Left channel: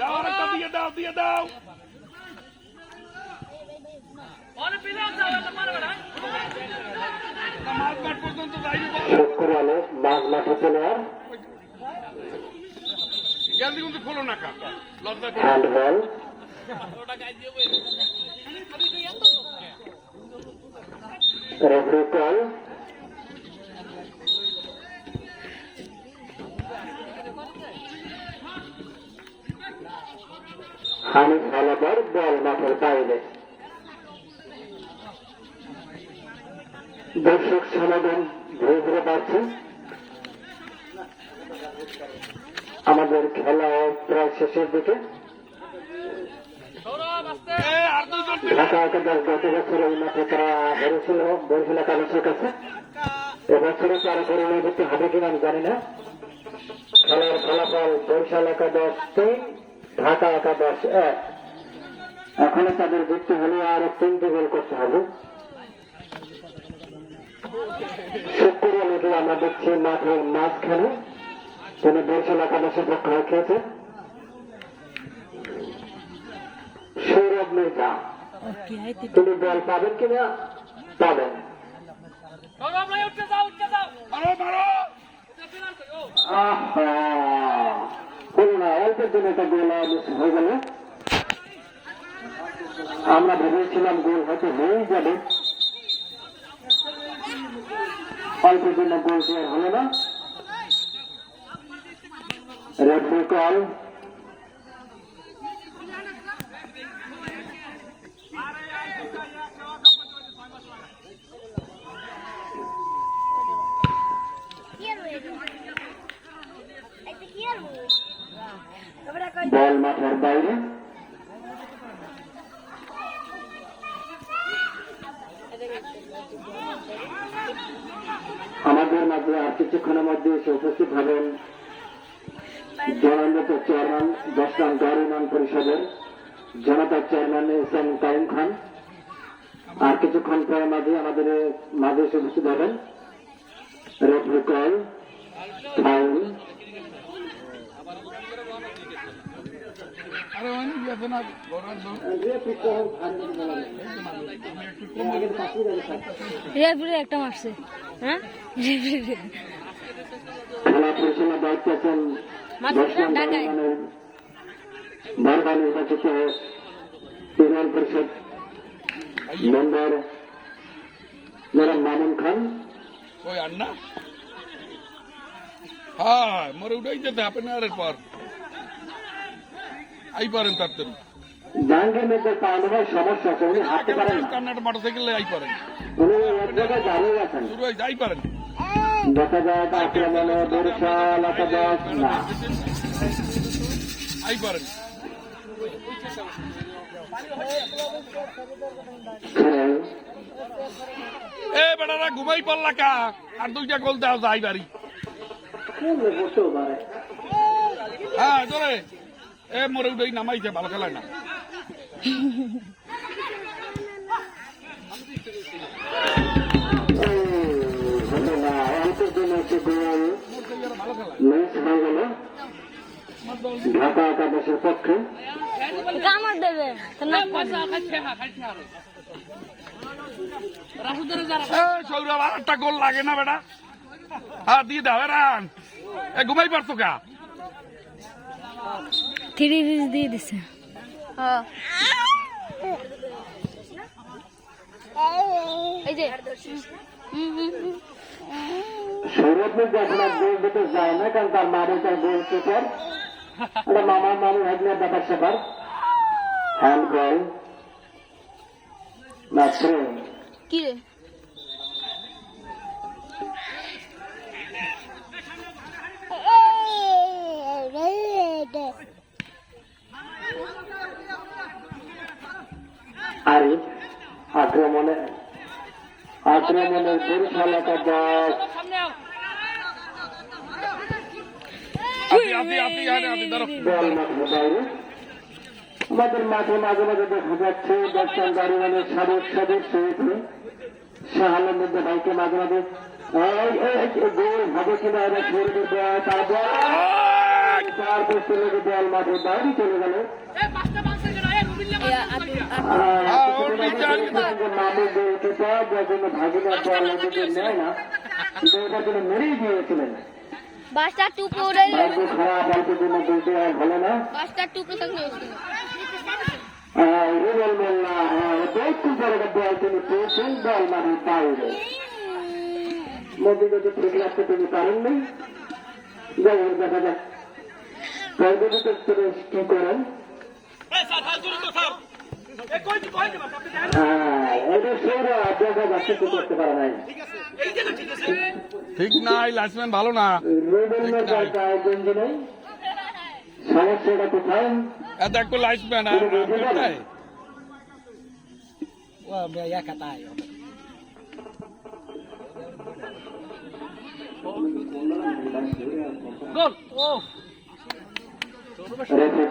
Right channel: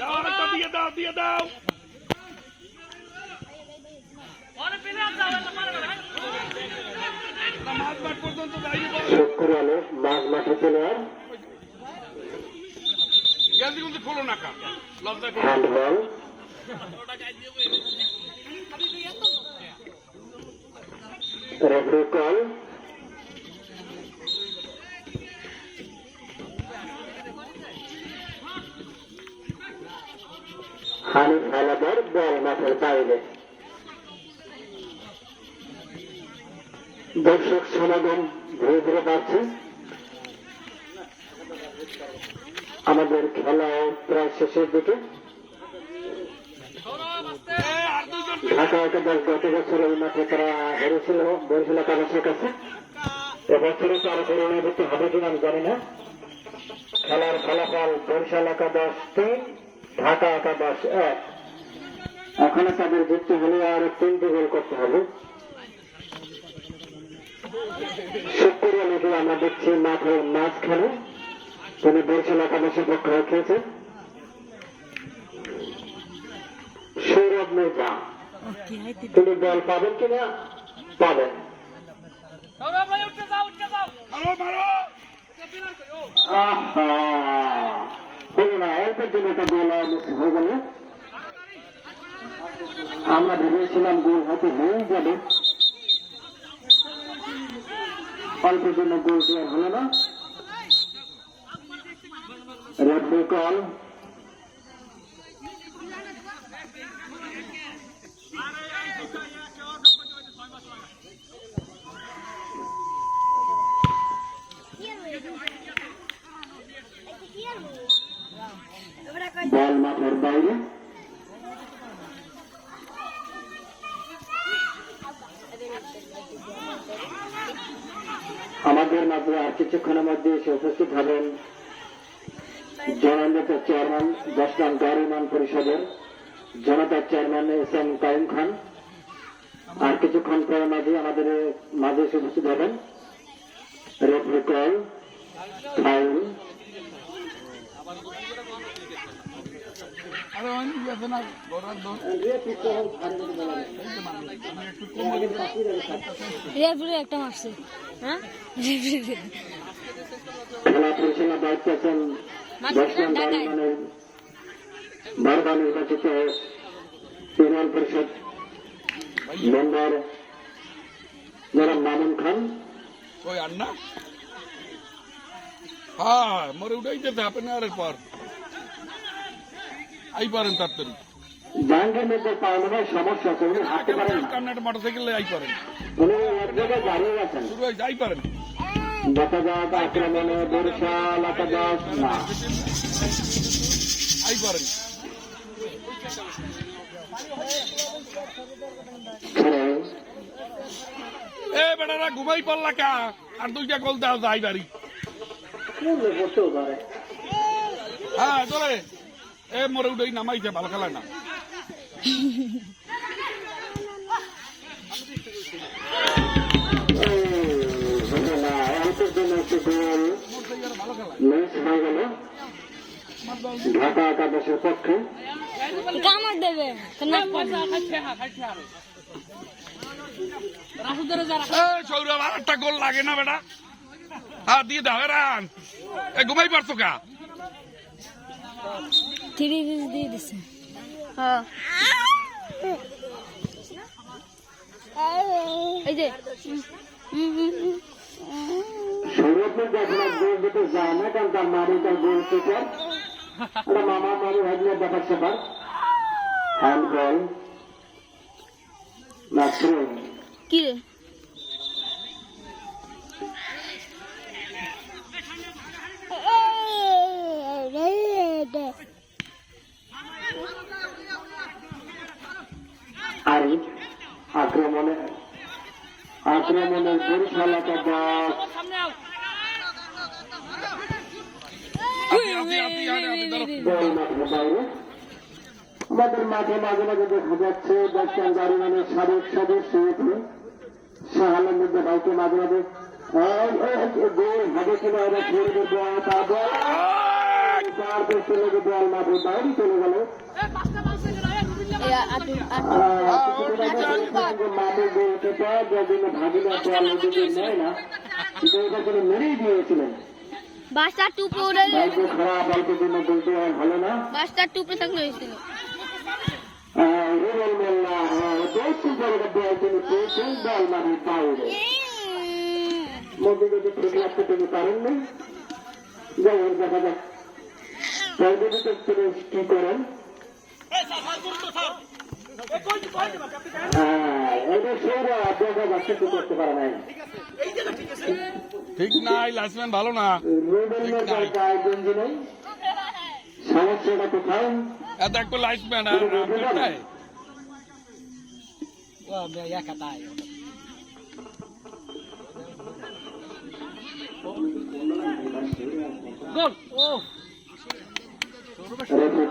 দাও আরেকটা দিয়ে দাও দিয়ে দাও। মাঝ মাঠ পর্যন্ত যাইনি বল। মাঝ মাঠে চলে আর জলদি কিন্তু খোলো না কা লজ্জা করে। Handball referee call. Hanif Haldar ball মাঠের বাইরে। দর্শক সমাগম ধীরে ধীরে বাড়ছে। আমাদের খেলা প্রায় শেষের দিকে। ঢাকা একাদশ গত বছর এই মাঠে তারা হেরেছিল বরিশাল একাদশের কাছে। এবছরে তার পরিণতি হবে কিনা আমি জানি না। খেলার ফলাফল বরিশাল একাদশ 3, ঢাকা একাদশ 1। এখনো তাদের জিততে হলে আর 3টি গোল করতে হবে। শুক্রিয়া লিখে আমরা দেখছি মাঠের মাঝখানে তিনি বরিশাল একাদশের পক্ষে খেয়েছেন সৌরভ মির্জা। তিনি বল পাবেন কিনা? পাবেন। হলো না, অল্পের জন্য একটা গোল হয়ে গেল। আমরা ভেবেছিলাম গোল হয়তো হয়ে যাবে, অল্পের জন্য গোল হলো না। Referee call. বল মাঠের বাইরে। আমাদের মাঝে আর কিছুক্ষণের মধ্যে এসে উপস্থিত হবেন জননেতা চেয়ারম্যান 10 নং গাড়ি ইউনিয়ন পরিষদের জনতা চেয়ারম্যান এস.এম. তাইম খান। আর কিছুক্ষণ পরে মাঝে আমাদের মাঝে এসে উপস্থিত হবেন। Referee call, foul. একটা মারছে। হ্যাঁ খেলা পরিচালনার দায়িত্বে আছেন বারবার নির্বাচিত ইউনিয়ন পরিষদ মেম্বার জনাব মামুন খান। ওই আর না হ্যাঁ মোর উঠাই যেতে হবে না এর পর আই পারেন তাড়াতাড়ি। জাহাঙ্গীর মধ্যে পাওয়ানোর সমস্যা আছে, উনি হাঁটতে পারেন না। কান্নাটা মোটরসাইকেলে আই পারেন, উনি এক জায়গায় দাঁড়িয়ে গেছেন। শুরু হয়ে যাই পারেন। দেখা যায় আক্রমণে বরিশাল একাদশ না আই পারেন। এ বেড়ারা ঘুমাই পড়লা কা আর 2টা গোল দাও যাই বাড়ি। হ্যাঁ চলে এ মরে উঠেই নামাইছে, ভালো খেলায় না। ঢাকা একাদশের পক্ষে কামড় দেবে। সৌরভ আর একটা গোল লাগে না বেটা। হ্যাঁ দিয়ে দাও রান। এ ঘুমাই পারতো কা 3 পিস দিয়ে দিছে। এই যে সৌরভ মির্জা এখন আর গোল দিতে যায় না, কারণ তার মামিটা গোল কিপার। এটা মামা মামি ভাগ্নের ব্যাপার স্যাপার। হ্যান্ড বল কি রে আরিফ আক্রমণে বরিশাল একাদশ বল মাঠের বাইরে। আমাদের মাঠে মাঝে মাঝে দেখা যাচ্ছে 10 নং গাড়ি ইউনিয়নের সাবেক সদস্য শাহ আলম মির্জা ভাইকে মাঝে মাঝে গোল হবে কিনা এরা ছেড়ে দেবে। তারপর চলে গিয়ে বল মাঠের বাইরে চলে গেল। মাঠের যে উইকেটটা যার জন্য ভাগিনা বল ওদিকে নেয় না, কিন্তু ওটার জন্য মেরেই দিয়েছিলেন। বাসটা টুপে উড়ে বালকে খারাপ, বালকের জন্য বলতে আর ভালো না। বাসটা টুপে থাকলে হয়েছিল। রুবেল মোল্লা একটু বড় বল তিনি পেয়েছেন, বল মাঠের বাইরে। নদীগতি ঠিক রাখতে তিনি পারেননি। যাই হোক, দেখা যাক কি করেন। দেখা যাচ্ছে কি করতে পারে নাই। ঠিক নাই, লাইসম্যান ভালো না। রুবেল মোল্লার গায়ে গঞ্জি নেই, সমস্যাটা কোথায়? এত একটু লাইসম্যান রেফারি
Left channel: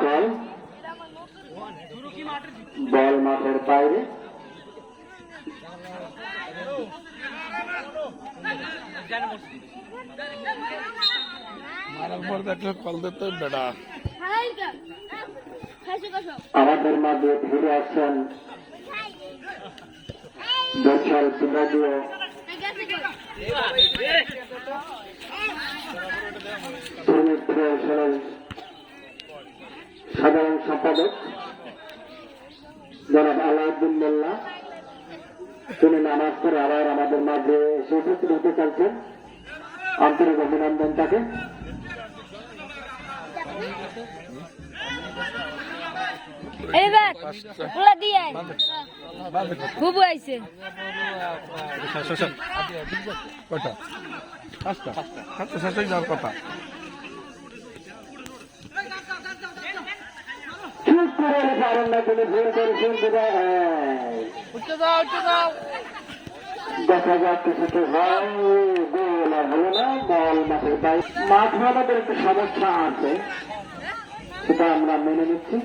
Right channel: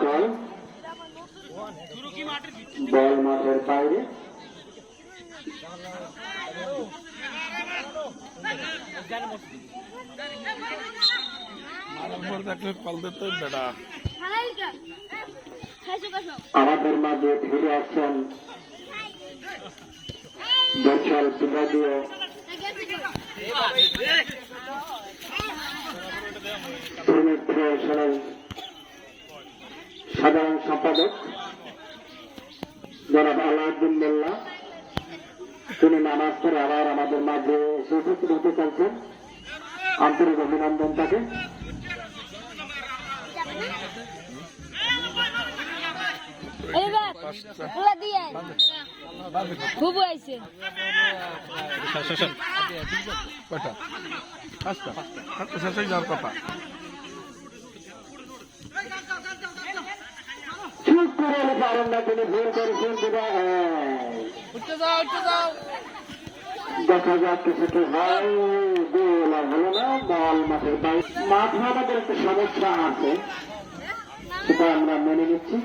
কল, বল মাঠের বাইরে। আমাদের মাঝে ফিরে আসছেন বরিশাল বিভাগীয় ফেডারেশনের সাধারণ সম্পাদক জনাব আলাউদ্দিন মোল্লা। তিনি নামাজ পড়ে আবার আমাদের মাঝে এসে উপস্থিত হতে চাইছেন। আন্তরিক অভিনন্দন তাকে। বুবু আইছে যাওয়ার কথা। ঠিক করে পারেন না, তিনি ভুল করেছেন। দেখা যাক কিছুতে হয়, গোল আর হলো না, বল মাঠের বাইরে। মাঠে আমাদের একটু সমস্যা আছে, সেটা আমরা মেনে নিচ্ছি।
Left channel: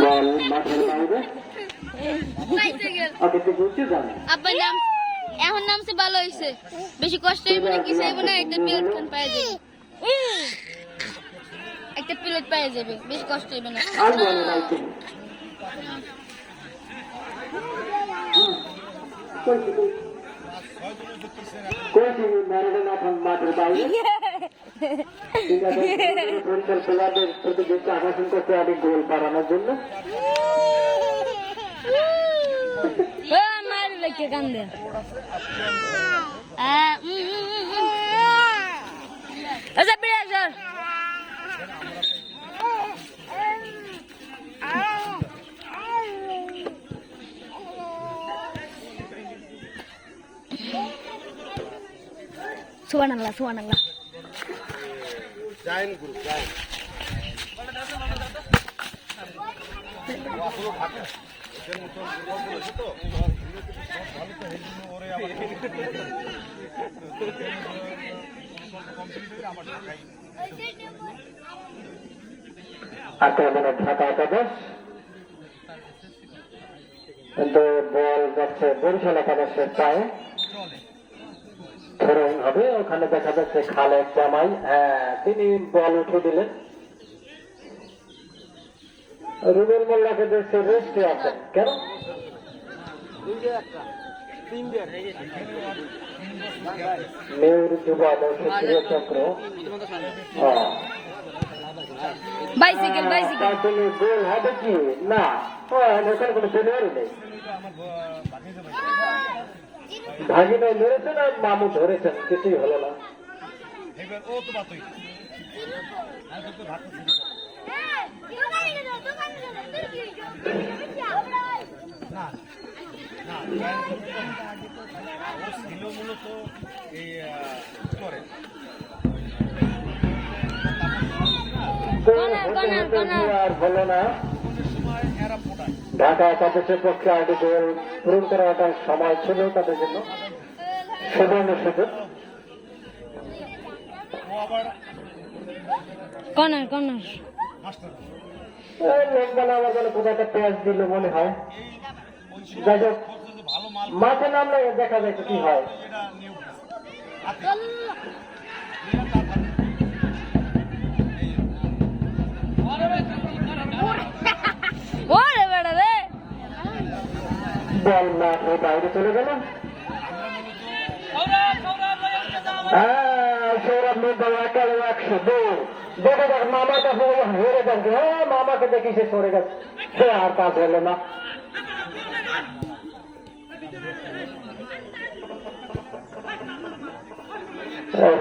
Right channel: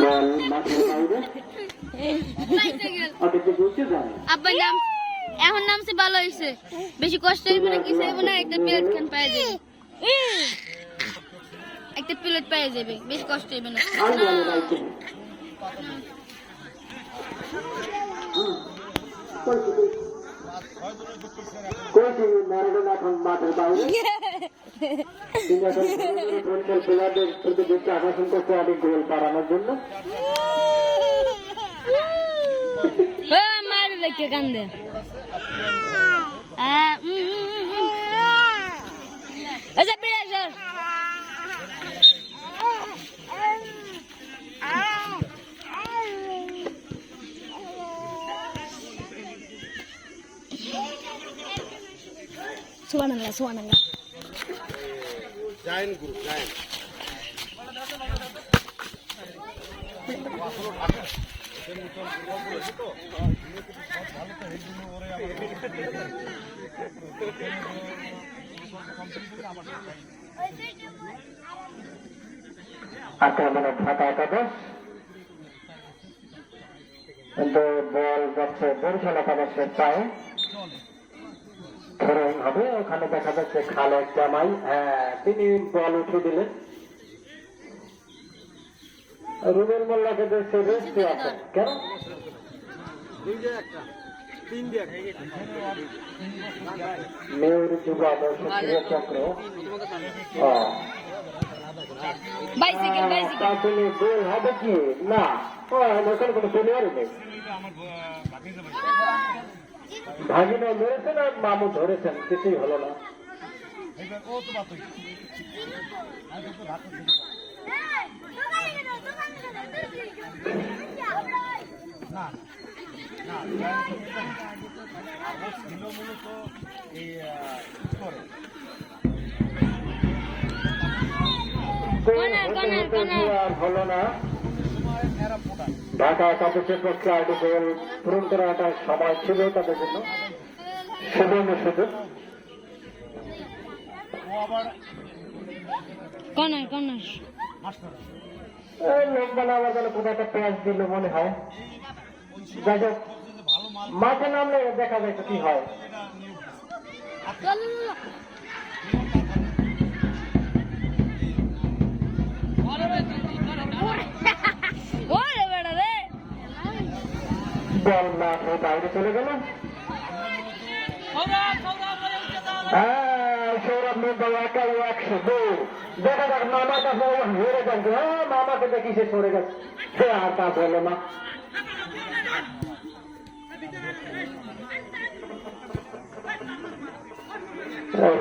বল মাঠের বাইরে। আপনাকে বলতে যান আব্বার নাম এখন নামছে, ভালো হয়েছে। বেশি কষ্ট হইব না, কি চাইব না, একটা প্লেট খান পাওয়া যাবে, একটা প্লেট পাওয়া যাবে, বেশি কষ্ট হইব না। আর বল বাইতে কোচ ম্যারাডোনা মাঠের বাইরে। বরিশাল প্লেয়ারদের প্রতি দৃষ্টি আকর্ষণ করতে আমি গোল করানোর জন্য। মার দেখে কান্দে আচ্ছা প্রিয় সুবহানাল্লাহ সুবহানাল্লাহ। জাইন গ্রুপ জাইন আক্রমণের ঢাকা একাদশ, কিন্তু বল যাচ্ছে বরিশাল একাদশের পায়ে। থ্রোইং হবে, ওখানে দেখা যাচ্ছে খালেদ জামাই, তিনি বল উঠে দিলেন। রুবেল মোল্লাকে দেখছে রেস্টে আছেন কেন? মেয়র যুবা চক্র বাইসাইকেল বাইসাইকেল তার জন্য গোল হবে কি না, এখানে কোনো প্লেয়ার নেই। ভাগিনা মেরেছেন আর মামু ধরেছেন, কিছুই হলো না। আর হলো না। ঢাকা একাদশের পক্ষে 8টি গোল পূরণ করার একটা সময় ছিল তাদের জন্য, সুবর্ণ সুযোগ। কর্নার কর্নার লোক বলা আবার যেন কোথাও একটা প্যাচ দিল মনে হয়। যাই হোক, মাঠে নামলে দেখা যায় কি হয়। ওরে বেড়া রে বল মাঠে বাইরে চলে গেল। সৌরভ মির্জা একারে 102। দেখে দেখ মামার কাছে হেরে যাচ্ছে। হ্যাঁ, মামাকে দেখি সে সরে গেছে, সে আর কাজ হলো না।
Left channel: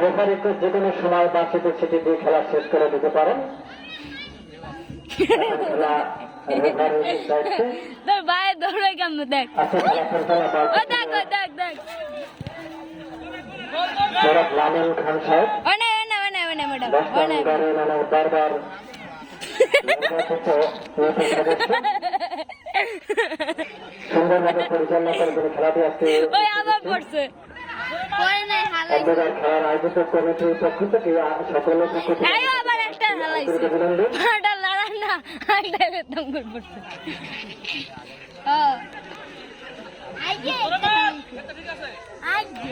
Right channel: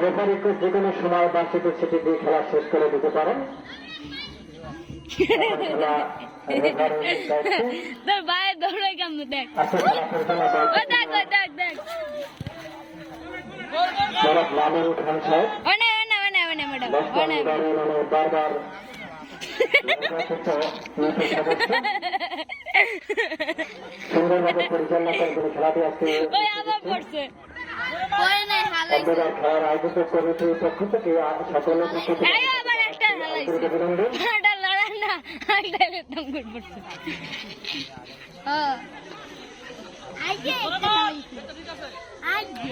রেফারিকে যে কোনো সময় বাসিতে ছিটি দিয়ে খেলা শেষ করে দিতে পারেন। তোর ভাই দৌড়ে কেমন দেখ ও দেখ ও দেখ দেখ লামিন খান সাহেব one one one one madam one বারবার সুন্দরভাবে পরিচালনা করে তিনি খেলাটি আসছে। ওই আবার পড়ছে ওই না হালাইছে খেলার আয়োজক কমিটির পক্ষ থেকে সকলের পক্ষ থেকে আইও আবার একটা হালাইছে ওটা লড়া না আইডা একদম করে পড়ছে হ্যাঁ আইছে একটা হালাইছে আইছে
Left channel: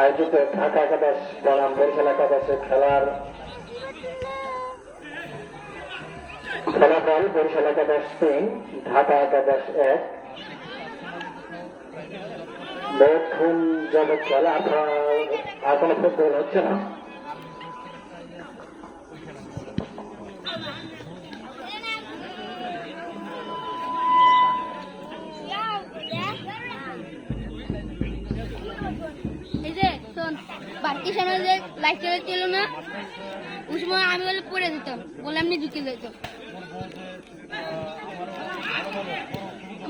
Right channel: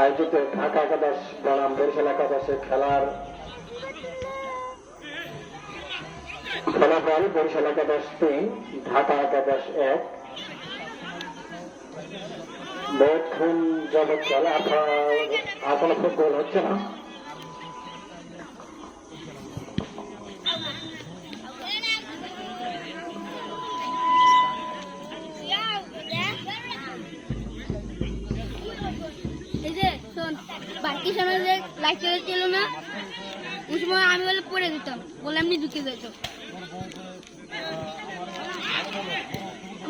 আয়োজিত ঢাকা একাদশ বনাম বরিশাল একাদশে খেলার ফলাফল: বরিশাল একাদশ 3, ঢাকা একাদশ 1। বহুক্ষণ যাবৎ খেলা, আর কোনো ফুটবল হচ্ছে না। বাকি সময় যে লাইট ছিল না ওই সময় আমি বলে পড়ে দিতাম, বলে এমনি ঢুকে যেত,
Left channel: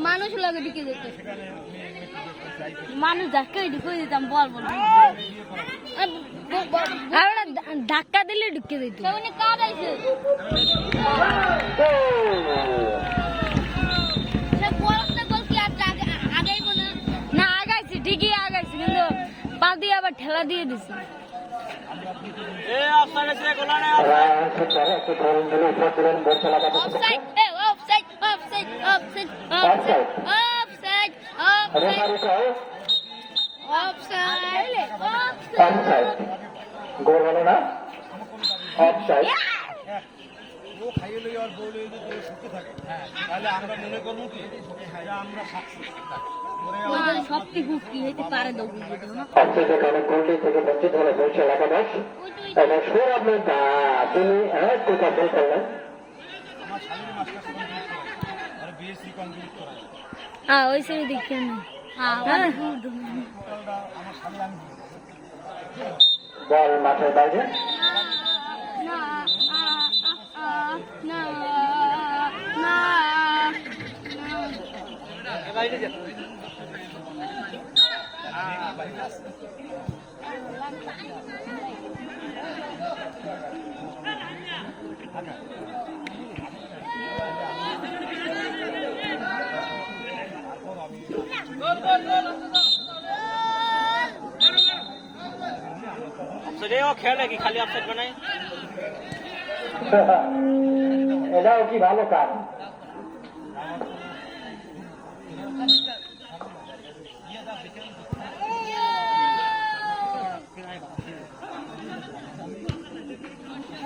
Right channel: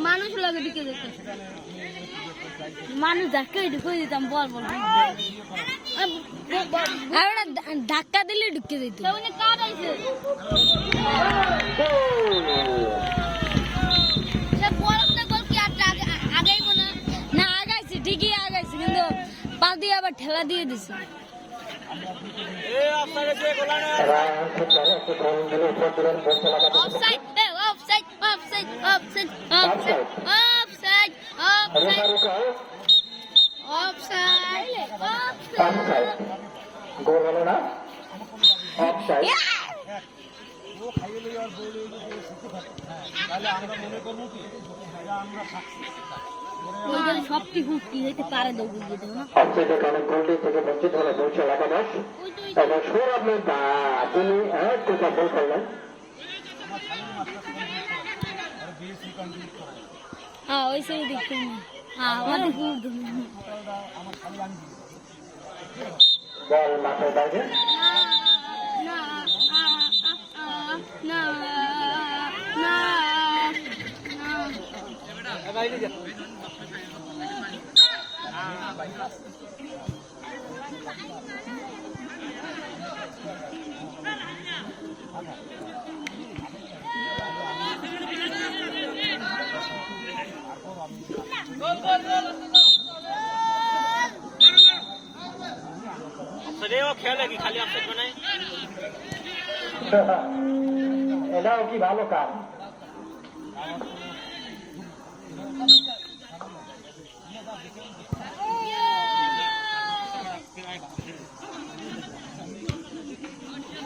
মানুষ লাগে ঢুকে যেত, মানুষ ধাক্কা ঢুকে দিতাম বল বল আর ধাক্কা দিলে ঢুকে যেত। না আগাইছে, ঠিকই আগাইছে, কিন্তু পা দিয়ে আবার ঠেলা দিয়ে দিছে। গোল হলো না, অফসাইড। ও খাইয়ে লই আর বলে যদি সুখে থাকে তাহলে আমরা মনে করব কি আমরা সাকসেস ওই সবটি হুকি হইতে পারে দাও বুঝতে না। আজকে যেখানে গোলটি থেকে বঞ্চিত হলো বরিশাল একাদশ, এবং সৌরভ মির্জা তিনি একটা গোল করলেন। আমার শালীন মাস্টার কমপ্লিট করে আর বিএসসি কমপ্লিট করে হ্যাঁ ওই সেই দেখছেন আমার শালীন আমি বল মাঠের বাইরে। না না না বাইরে যা খেলে কি খালি অফসাইড বানায়, এটাও কি ভালো কাজ।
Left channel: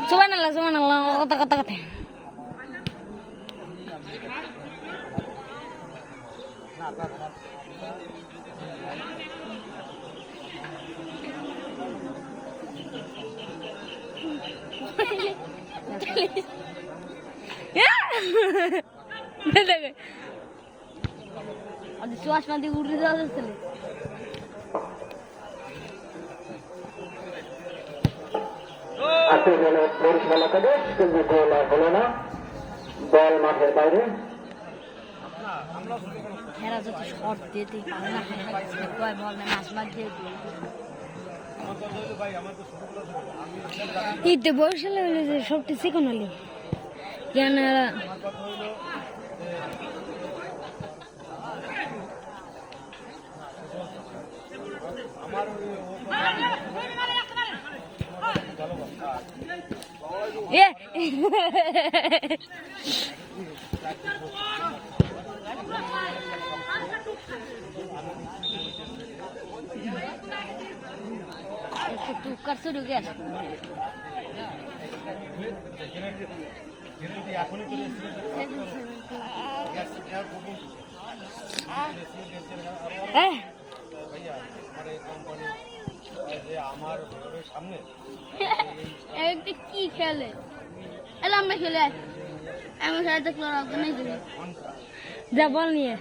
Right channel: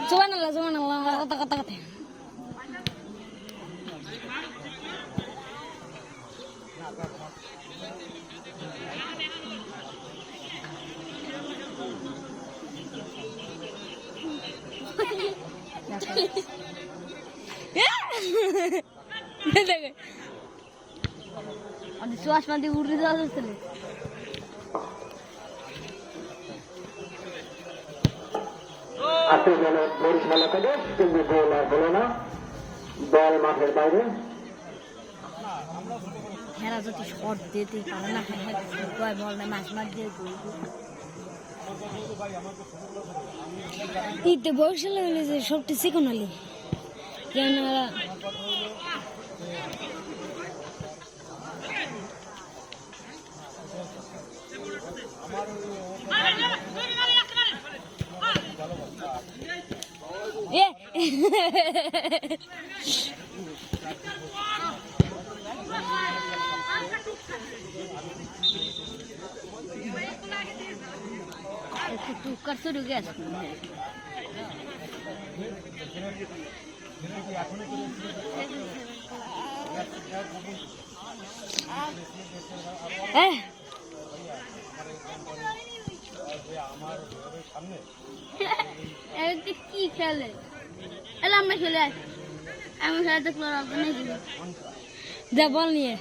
সুবহানাল্লাহ সুবহানাল্লাহ কথা কথা কথা দেখে চশমা দিয়ে উঠে যাওয়া যাচ্ছে আপনি বলে বরিশাল একাদশ কিন্তু গোল আর হলো না, বল মাঠের বাইরে। হেরা যদি শট দিতে পারে না কয় বল না ম্যাচ মার দিয়ে ঈদে বরিশালে হলে যে সবটি চিকন হলি কেন আমার এ কুকার শুরু গেছে আমার ঘরের সামনে কি খেলে এলা আমরা খেলে আমি খেলাতে যা বল নিয়ে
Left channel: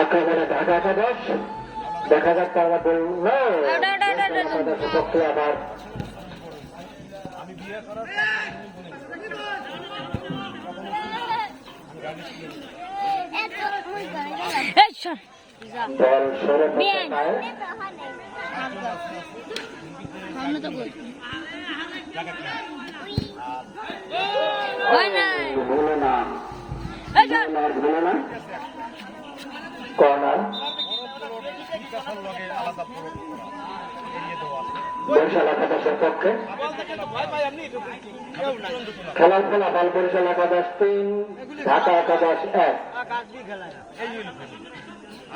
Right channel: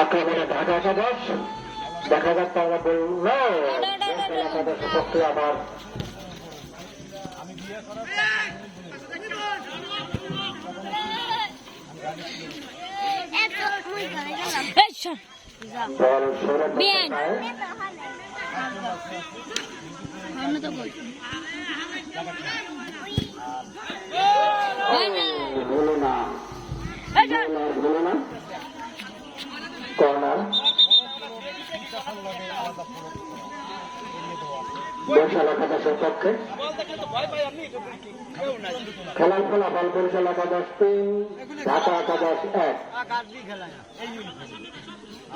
আক্রমণে ঢাকা একাদশ, দেখা যাক তারা বলল একাদশের পক্ষে আবার বল সরে ভুলো না, ভুলো না কর্নার আলাদা বরিশাল একাদশের পক্ষে খেলার ফলাফল বরিশাল একাদশ 3, ঢাকা একাদশ 1।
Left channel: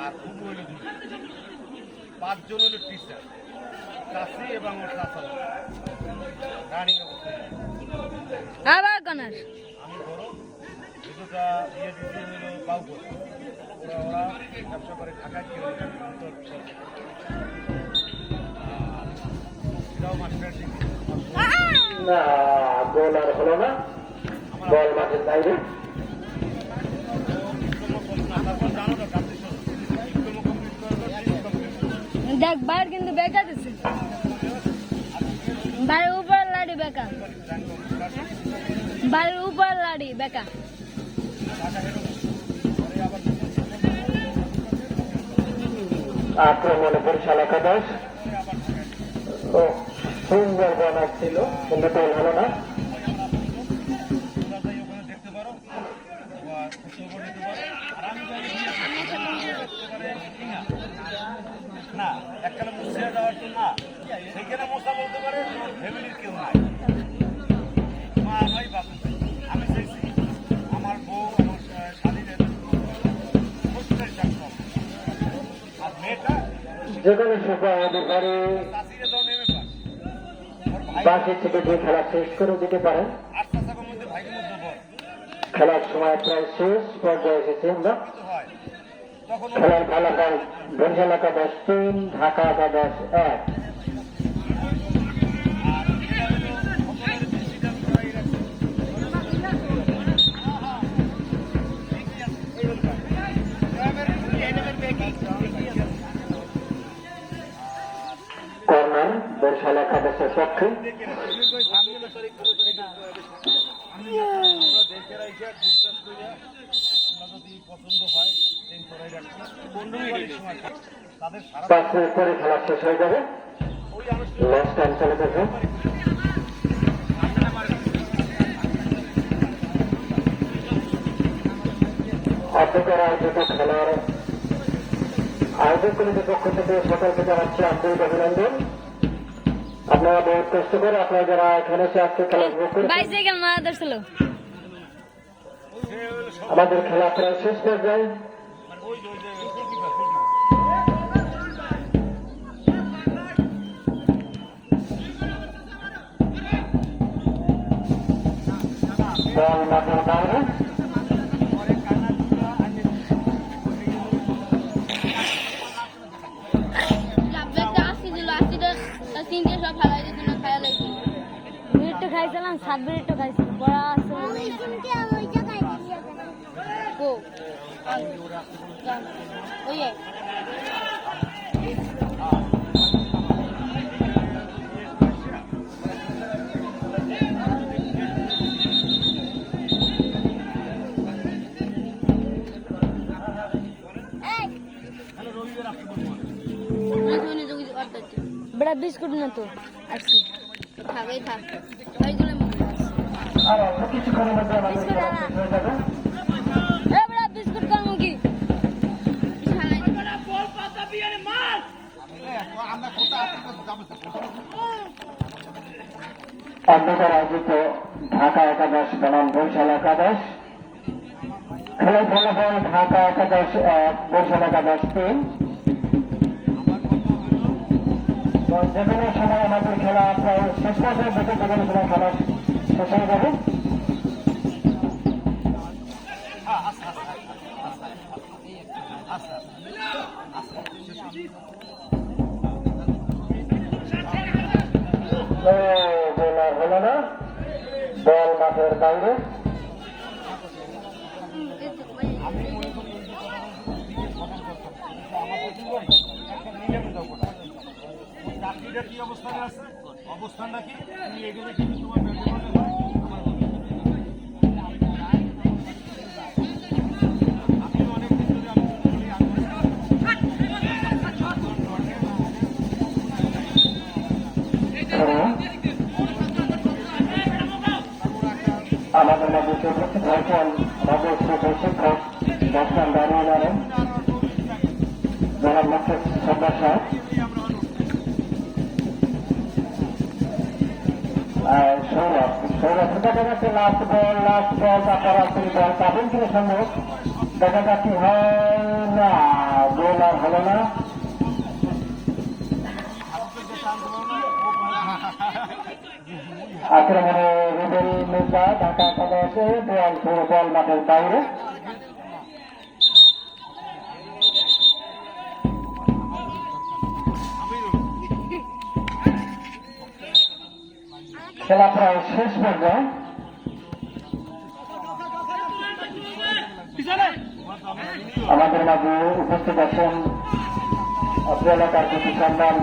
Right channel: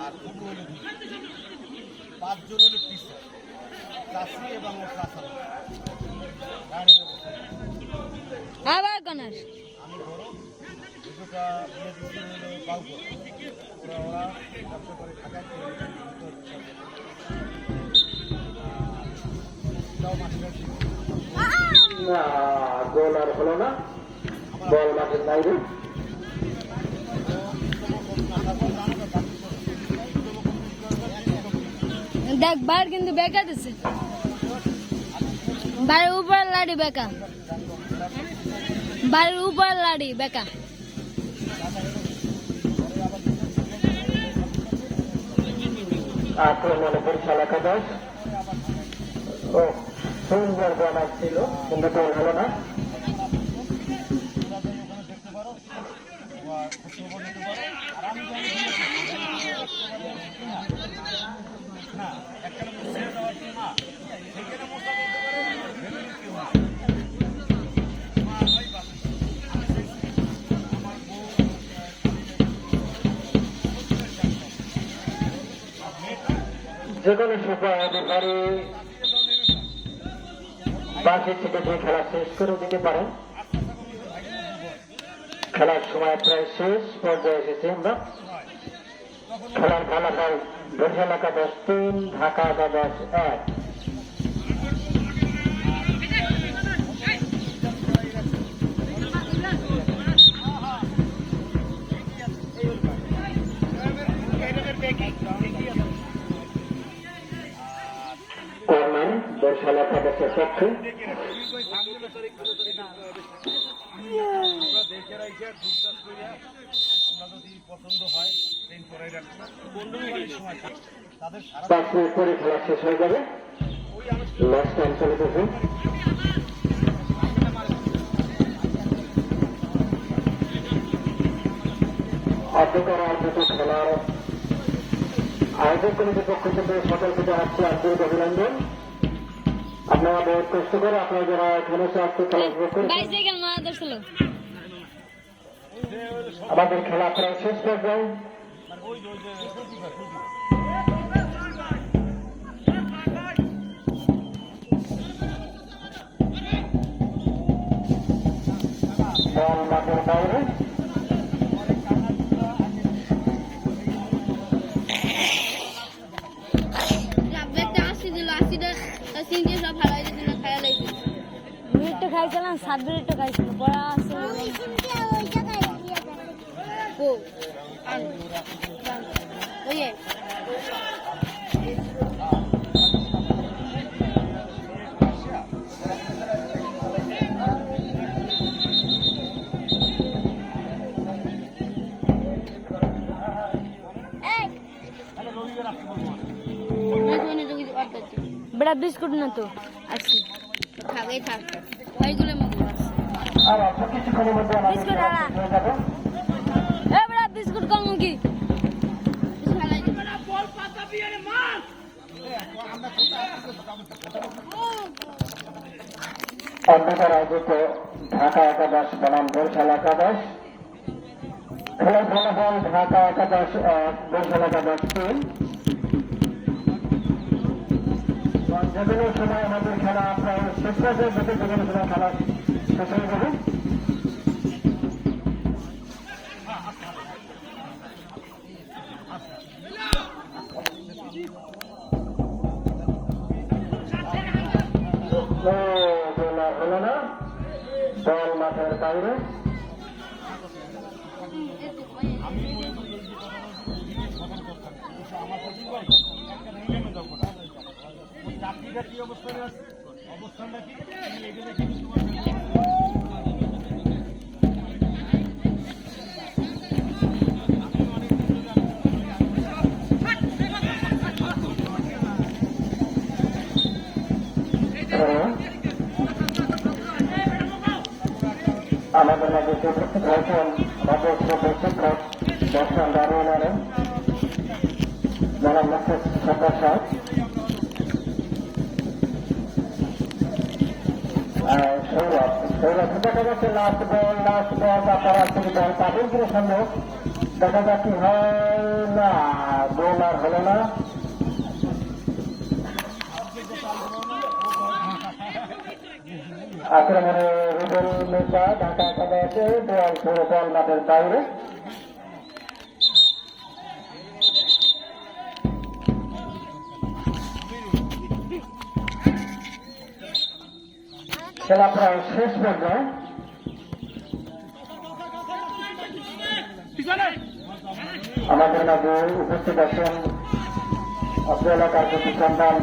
আর ফুটু হইল 5 জন হলো টিচার, চাষি এবং রানিং অবস্থায় আবার কনার আমি বড় দুটোটা বিয়ে দিচ্ছি হইল বাউপুর, ওরা ব্যবসা করে ঢাকায় কিনে এটাও মাস্টার গোল আর হলো না, বল মাঠের বাইরে। দেখ বার কিন্তু বেকা দিছি বাড়ির উপরে লাড়ি বেকা, বাড়ির উপরে লাড়ি বেকা। আক্রমণে বরিশাল একাদশ, ও সুন্দর বলার ছিল কিন্তু বল হলো না। দেখতে পারো না একটা মুছে যাওয়ার জন্য সেইখানে মশা বলতে পারে ফ্যামিলির কেউ নাই, আমি চাইছি আমার বউ আর মেয়েটা যেখানে সুপার অধিকারী বাকি থেকে যে খেলা শেষ করে দিতে পারেন। খেলার সময় প্রায় শেষ পর্যায়ে এসেছি আমরা। খেলার ফলাফল বরিশাল একাদশ 3, ঢাকা একাদশ 1। কর্নার বরিশাল একাদশের পক্ষে। পছন্দ হয় তাদের 5 মিনিট পরে খেলা শেষ হয়ে যাবে, লাস্ট টাইম চলে গেছে। এতটার আয়োজিত খেলার আয়োজক কমিটির পক্ষ থেকে সেটাকে জানাচ্ছি আন্তরিক অভিনন্দন। আপনারা বহুত কষ্ট করে আপনারা যারা এখানে আসতে খেলা উপভোগ করেছেন। আমাদের খেলা প্রায় শেষ পর্যায়ে। বল মাঠের বাইরে। খাইছিলাম 7 মিনিট খাইছিল বড়া আছে ও ওই बड़ा बिस्कुट ना तो अच्छी खागे था এইগুলো মধ্যে বিস্কুট আলা এ বড় বিস্কুট কোন কি বল পাতা বিয়ারে মাল আমরা অন্ধকার আয়োজিত ঢাকা একাদশ বনাম বরিশাল একাদশ খেলার ফলাফল ঢাকা একাদশ 1 বরিশাল একাদশ 3। যেখানে সময় আমাদের খেলা প্রায় শেষ পর্যায়ে দেখে যেখানে খেলা শেষ হয়ে যাবে। বোলার হলো না, বল মাঠের বাইরে। আমি মনে করি এই যে কথা বলছি আমার একটা নিলামে যাবো না ওই চাকরিটা কি অবস্থানে আছে অবস্থানটা কি তুমি এগুলো কি আমাদের মধ্যে রয়েছেন ডাক্তার দাঁড়িয়ে নেন জেলার মুখ্য সদস্য লাস্ট বল পাবেন কিনা সামনে দেখেন বাকি হয় না গোল আর হলো না। আক্রমণে রুবেল মুসা ঢাকা একাদশে বল মাঠের বাইরে। খেলা প্রায় শেষ পর্যায়ে। আমাদের মাঝে উপস্থিত আছেন অজ্ঞানতার প্রতি সম্মান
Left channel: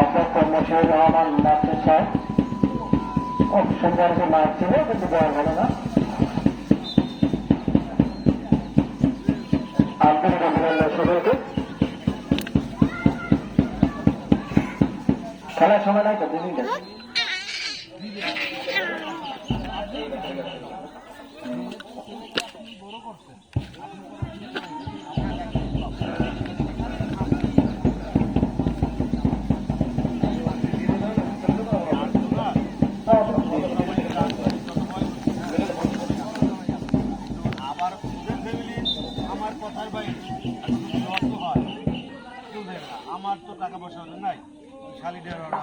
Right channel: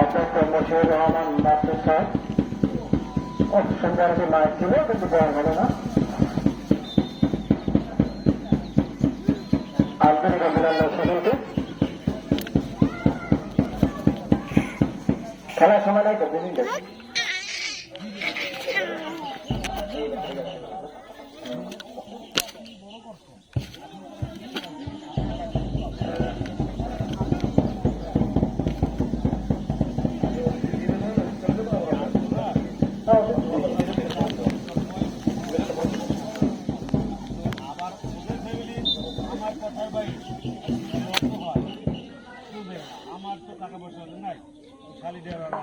অধ্যক্ষ মশিউর রহমান মাস্টার সাহেব। সম্মানিত মাঠ ছিল কিন্তু বড় ভালো না। আন্তরিক অভিনন্দন সকলকে। খেলার সময় নাই তো বুঝলি আমার তো টাকা পয়সা নাই শালিদের ওরা